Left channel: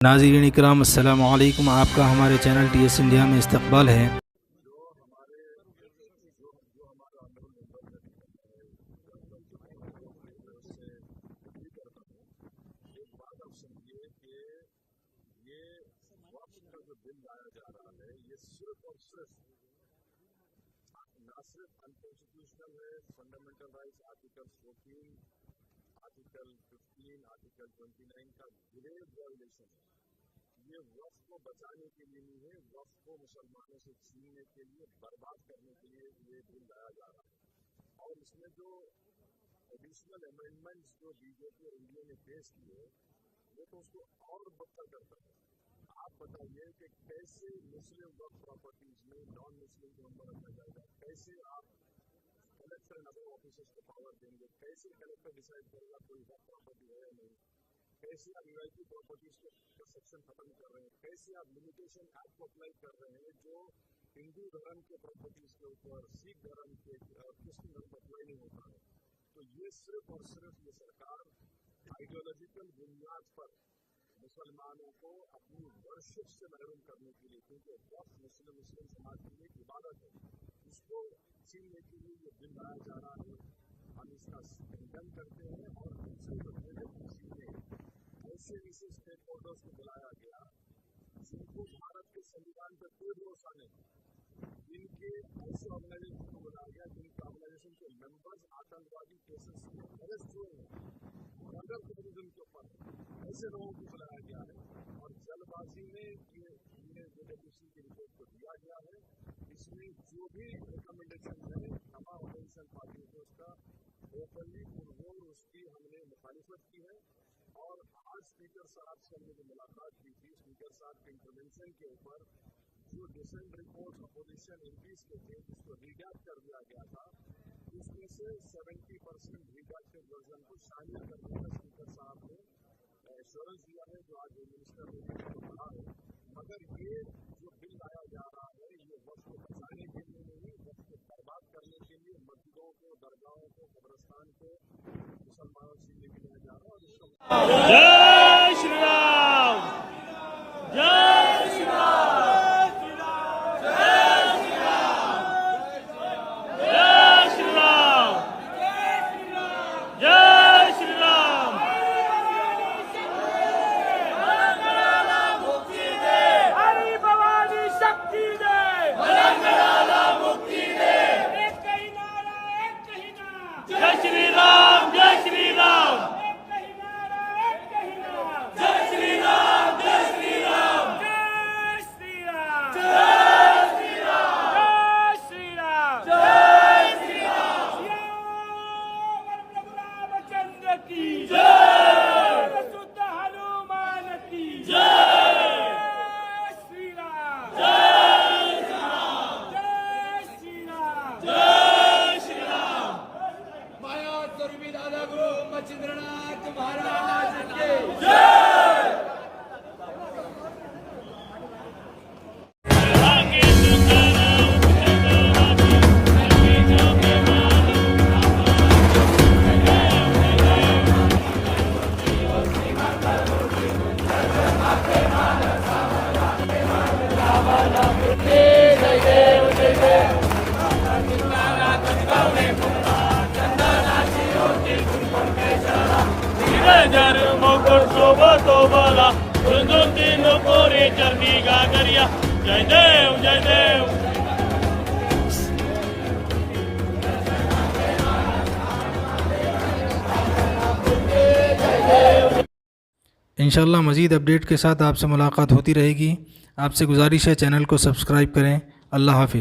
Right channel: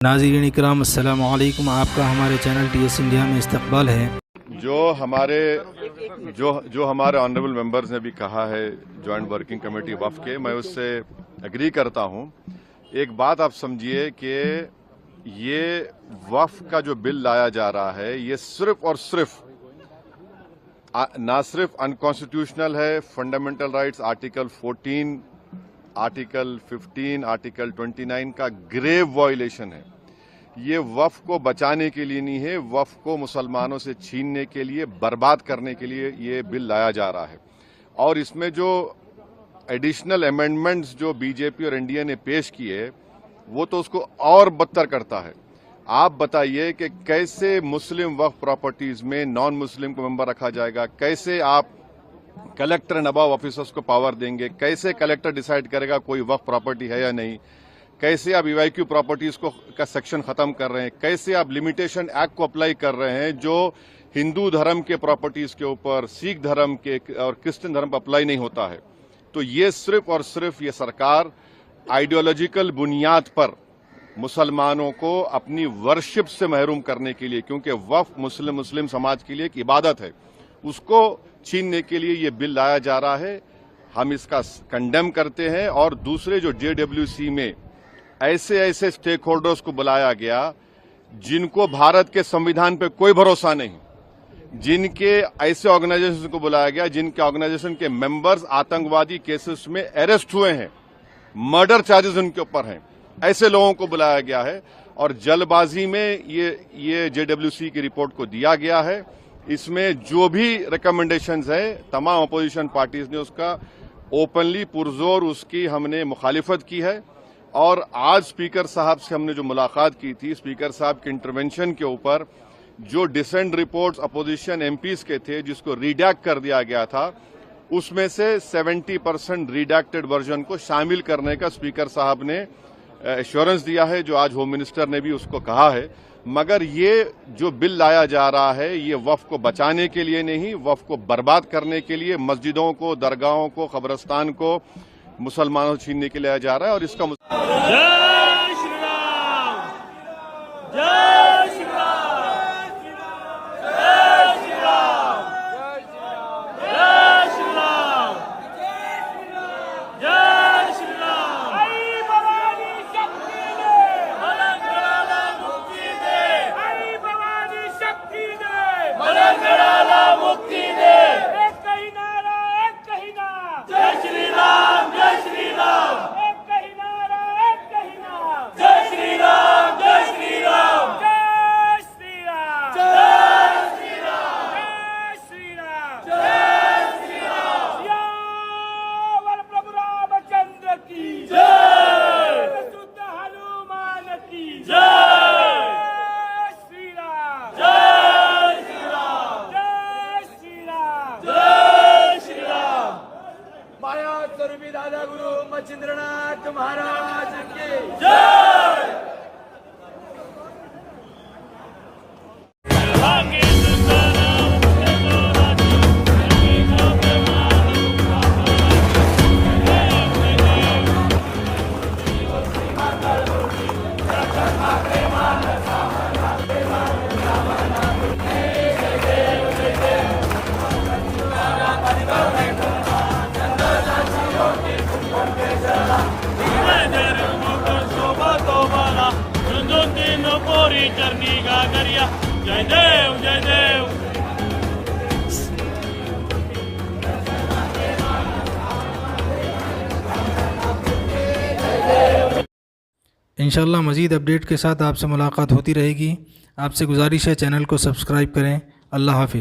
नाज़रीन इकराम अस्सलामु अलैकुम। आपका हमारे चैनल TS इंडिया में इस्तकबाल है। जो हमारे ऑनरेबल मेंबर्स ने भी कहा है जॉइंट वर्किंग कमेटी वफ़ के, मैं उससे एग्री करता हूं। एक बात आप समझिए कि ये वफ़ का जो बिल लाया जा रहा है ये सिर्फ और सिर्फ ना सिर्फ अनकॉन्स्टिट्यूशनल है, fundamental rights article 14, article 15, article 29 का ग्रेव वायलेशन है। ये वफ़ को बचाने के लिए नहीं है, वफ़ को मुसलमानों से छीनने के लिए, बर्बाद करने के लिए ये बिल लाया जा रहा है। और इसमें जो एडिशनल अमेंडमेंट्स जो बीजेपी और एनडीए ने पेश किए वो तो उसको और बदतर करता है। आप बताइए कि कैसे मुस्लिम वक्फ प्रॉपर्टीज में नॉन मुस्लिम को मेंबर रखा जाएगा, कैसे आप कलेक्टर नबाब ऑफिसर्स को पावर देंगे, कैसे कलेक्टर डिसाइड करेगा कोई वक्फ प्रॉपर्टी है या नहीं, कैसे आप ईवाईक्यू प्रॉपर्टीज को का सेक्शन खत्म कर रहे हैं, कैसे आप लिमिटेशन एक्ट को अप्लाई कर रहे हैं जो हिंदू धर्म के प्रॉपर्टीज के ऊपर, सिख धर्म के और क्रिश्चियन धर्म पर अप्लाई नहीं होता है। तो ये सिर्फ और सिर्फ ये सरकार आइडियोलॉजिकल बुनियाद पर मुसलमानों को अपनी वर्शिप से महरूम करने के लिए, क्योंकि वफ़ मुस्लिम समाज के लिए एक इबादत है, उसको छीनने के लिए ये बिल लाया जा रहा है। हम इसका कंडेम करते हैं। और दूसरे जो JWC में ऐसे स्टेक होल्डर्स को बुलाया गया जिनको भारत के संविधान पे कोई भरोसा नहीं, जिनके ऐसे ऑर्गेनाइजेशन को बुलाया गया जिनके ऑर्गेनाइजेशन के मेंबर्स आतंकवादी केसेस में अरेस्ट हुए हैं, मर्डर चार्जेस उनके ऊपर हैं, ऐसे लोगों को बुलाया गया है। और जल्दबाजी में ये JWC की रिपोर्ट को दिया गया है। इसमें जो भी रिकमेंडेशंस है तमाम अपोजिशन पार्टीज ने उसका ओपनली पुरजोर उसकी हमने मुखालिफत की है। और आज स्पीकर साहब से हमने जो मुलाकात की थी, स्पीकर साहब के इंटरवेंशन के ऊपर जो डिसेंट रिपोर्ट्स अपोजिशन MPs के थे जिसको रिडैक्ट कर दिया गया था, उसमें से 70% रिडैक्टेड वर्जन को शामिल करने का स्पीकर साहब ने एश्योरेंस दिया है, जो आज होम मिनिस्टर ने भी उसको कहा है। मगर ये जो बिल लाया जा रहा है ये वफ़ को बचाने के लिए नहीं, वफ़ को बर्बाद करने के लिए, मस्जिदों को, दरगाहों को, कब्रस्तान को मुसलमानों से छीनने के लिए लाया जा रहा है। और इसका जय श्री राम, जय श्री राम, जय श्री राम, जय श्री राम, जय श्री राम। मलंगराला मुक्ति दे, हरि भवानी शक्ति दे, मलंगराला मुक्ति दे। एक कही नारा, एक कही नारा, जय श्री राम, जय श्री राम। एक कही नारा, एक कही नारा, जय श्री राम, जय श्री राम, जय श्री राम, जय श्री राम, जय श्री राम, जय श्री राम। सियावर प्रभु रामचंद्र की जय, शुद्ध हनुमान की जय, श्री राम, जय श्री राम, जय श्री राम, जय श्री राम। माया स्वरूपी दादा गुरु मच्छिंद्रनाथ महाराज के जय। जय देव, जय देव। इंशाअल्लाह मज़ीद अपडेट के साथ आपसे मुलाकात होती रहेगी। आपसे गुजारिश है चैनल को सब्सक्राइब करें। अल्लाह हाफिज़।